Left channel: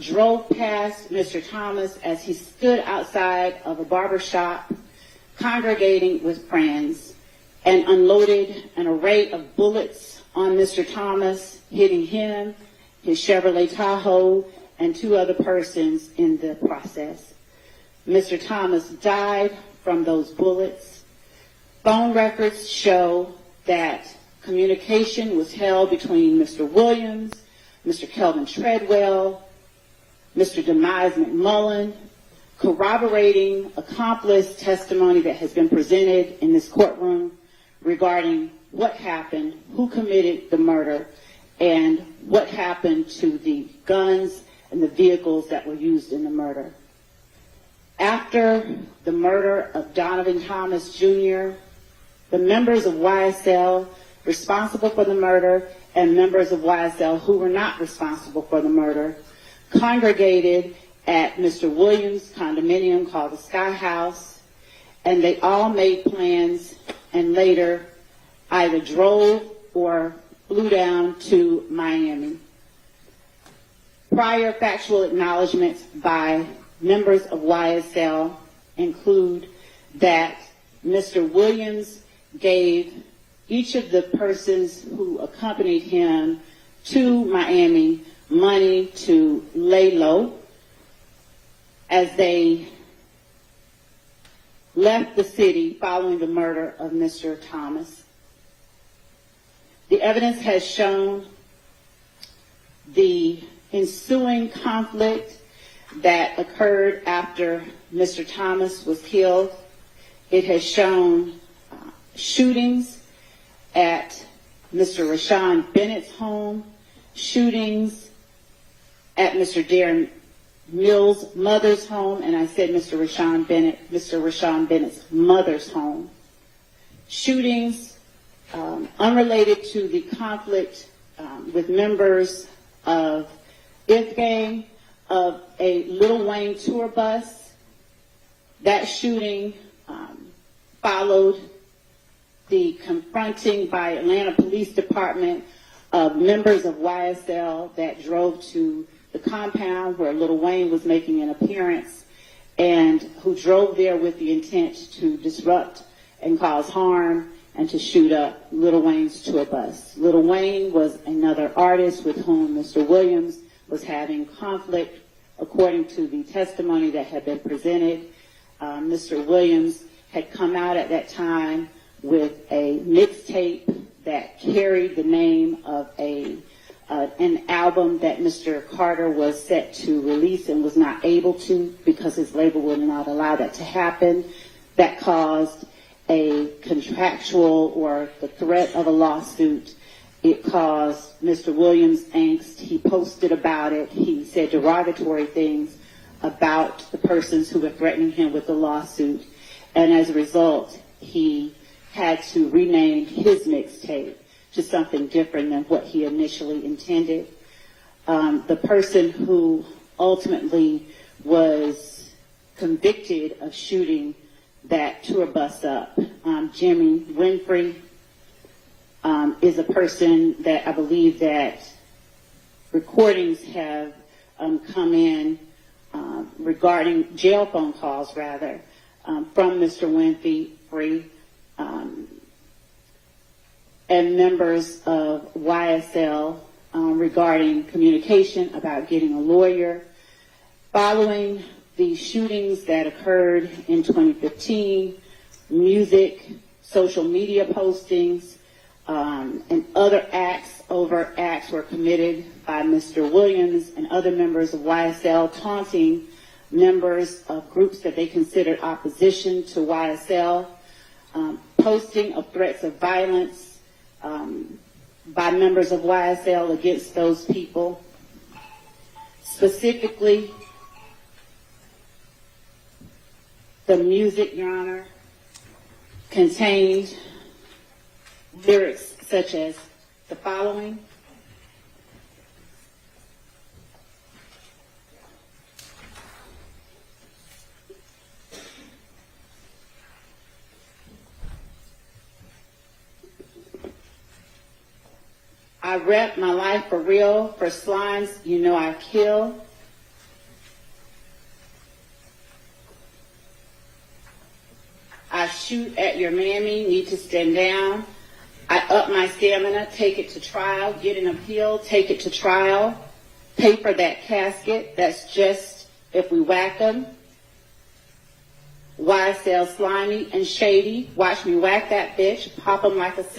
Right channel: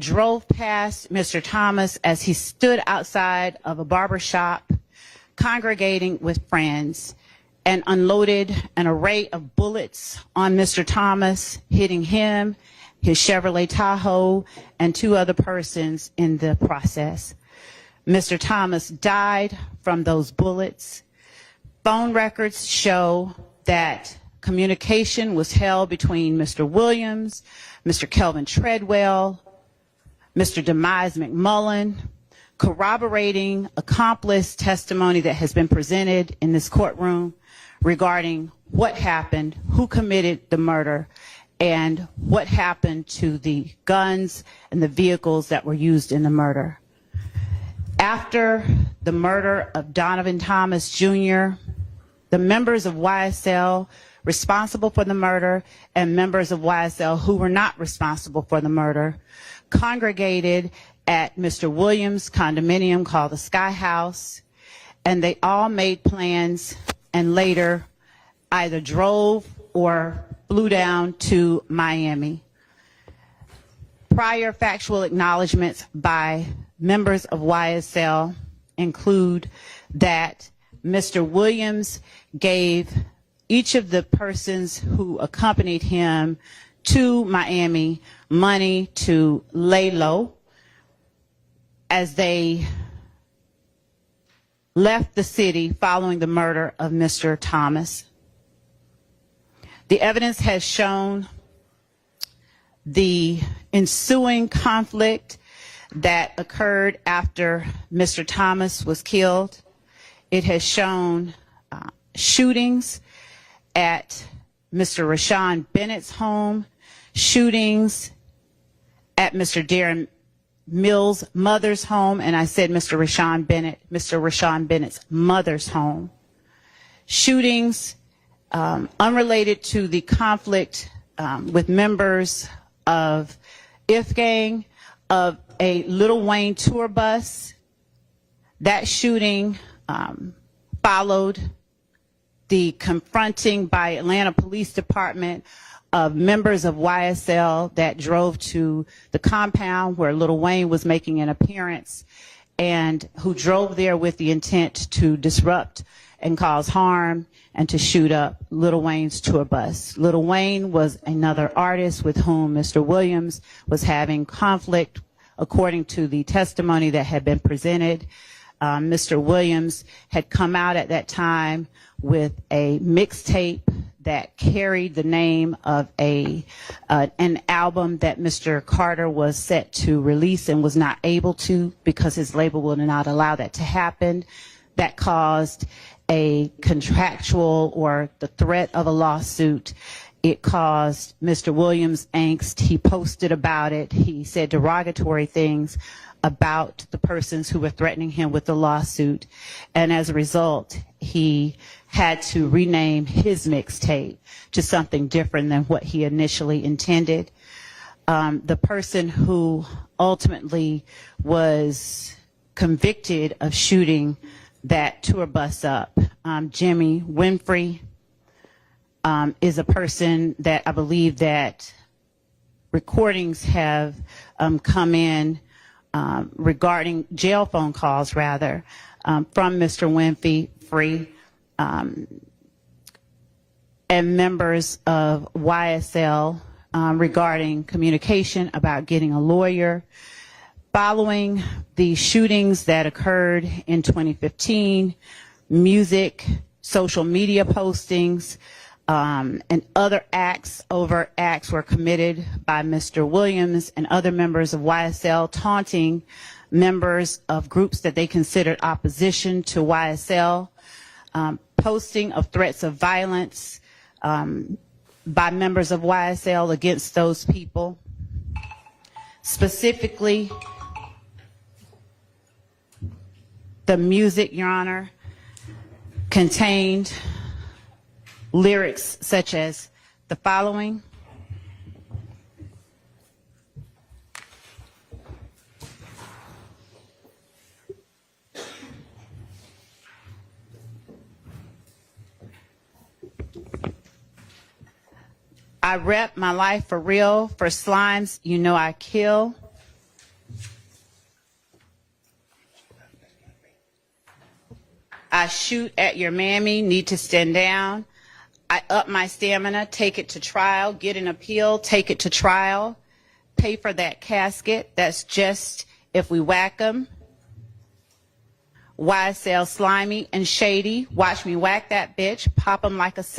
drove past Mr. Thomas as he stood outside of a barber shop congregating with friends and unloaded an array of bullets on Mr. Thomas, hitting him, his Chevrolet Tahoe, and 2 other persons in the process. Mr. Thomas died from those bullets. Phone records show that communication was held between Mr. Williams, Mr. Kelvin Treadwell, Mr. Demise McMullen, corroborating accomplice testimony that has been presented in this courtroom regarding what happened, who committed the murder, and what happened to the guns and the vehicles that were used in the murder. After the murder of Donovan Thomas Jr., the members of YSL responsible for the murder and members of YSL who were not responsible for the murder congregated at Mr. Williams' condominium called the Sky House, and they all made plans and later either drove or flew down to Miami. Prior factual acknowledgments by members of YSL include that Mr. Williams gave each of the persons who accompanied him to Miami money to lay low as they left the city following the murder of Mr. Thomas. The evidence has shown the ensuing conflict that occurred after Mr. Thomas was killed. It has shown shootings at Mr. Rashawn Bennett's home, shootings at Mr. Darren Mills' mother's home, and I said Mr. Rashawn Bennett's mother's home. Shootings unrelated to the conflict with members of If Gang, of a Lil Wayne tour bus. That shooting followed the confronting by Atlanta Police Department of members of YSL that drove to the compound where Lil Wayne was making an appearance and who drove there with the intent to disrupt and cause harm and to shoot up Lil Wayne's tour bus. Lil Wayne was another artist with whom Mr. Williams was having conflict, according to the testimony that had been presented. Mr. Williams had come out at that time with a mixtape that carried the name of an album that Mr. Carter was set to release and was not able to because his label would not allow that to happen. That caused a contractual or the threat of a lawsuit. It caused Mr. Williams angst. He posted about it. He said derogatory things about the persons who were threatening him with the lawsuit. And as a result, he had to rename his mixtape to something different than what he initially intended. The person who ultimately was convicted of shooting that tour bus up, Jimmy Winfrey, is a person that I believe that recordings have come in regarding jail phone calls, rather, from Mr. Winfrey and members of YSL regarding communication about getting a lawyer. Following the shootings that occurred in 2015, music, social media postings, and other overt acts were committed by Mr. Williams and other members of YSL, taunting members of groups that they considered opposition to YSL, posting of threats of violence by members of YSL against those people. Specifically, the music, Your Honor, contained lyrics such as the following: I rep my life for real, for slimes you know I kill. I shoot at your mammy, need to stand down. I up my stamina, take it to trial, get an appeal, take it to trial, pay for that casket. That's just if we whack them. YSL slimy and shady. Watch me whack that bitch, pop them like a sis.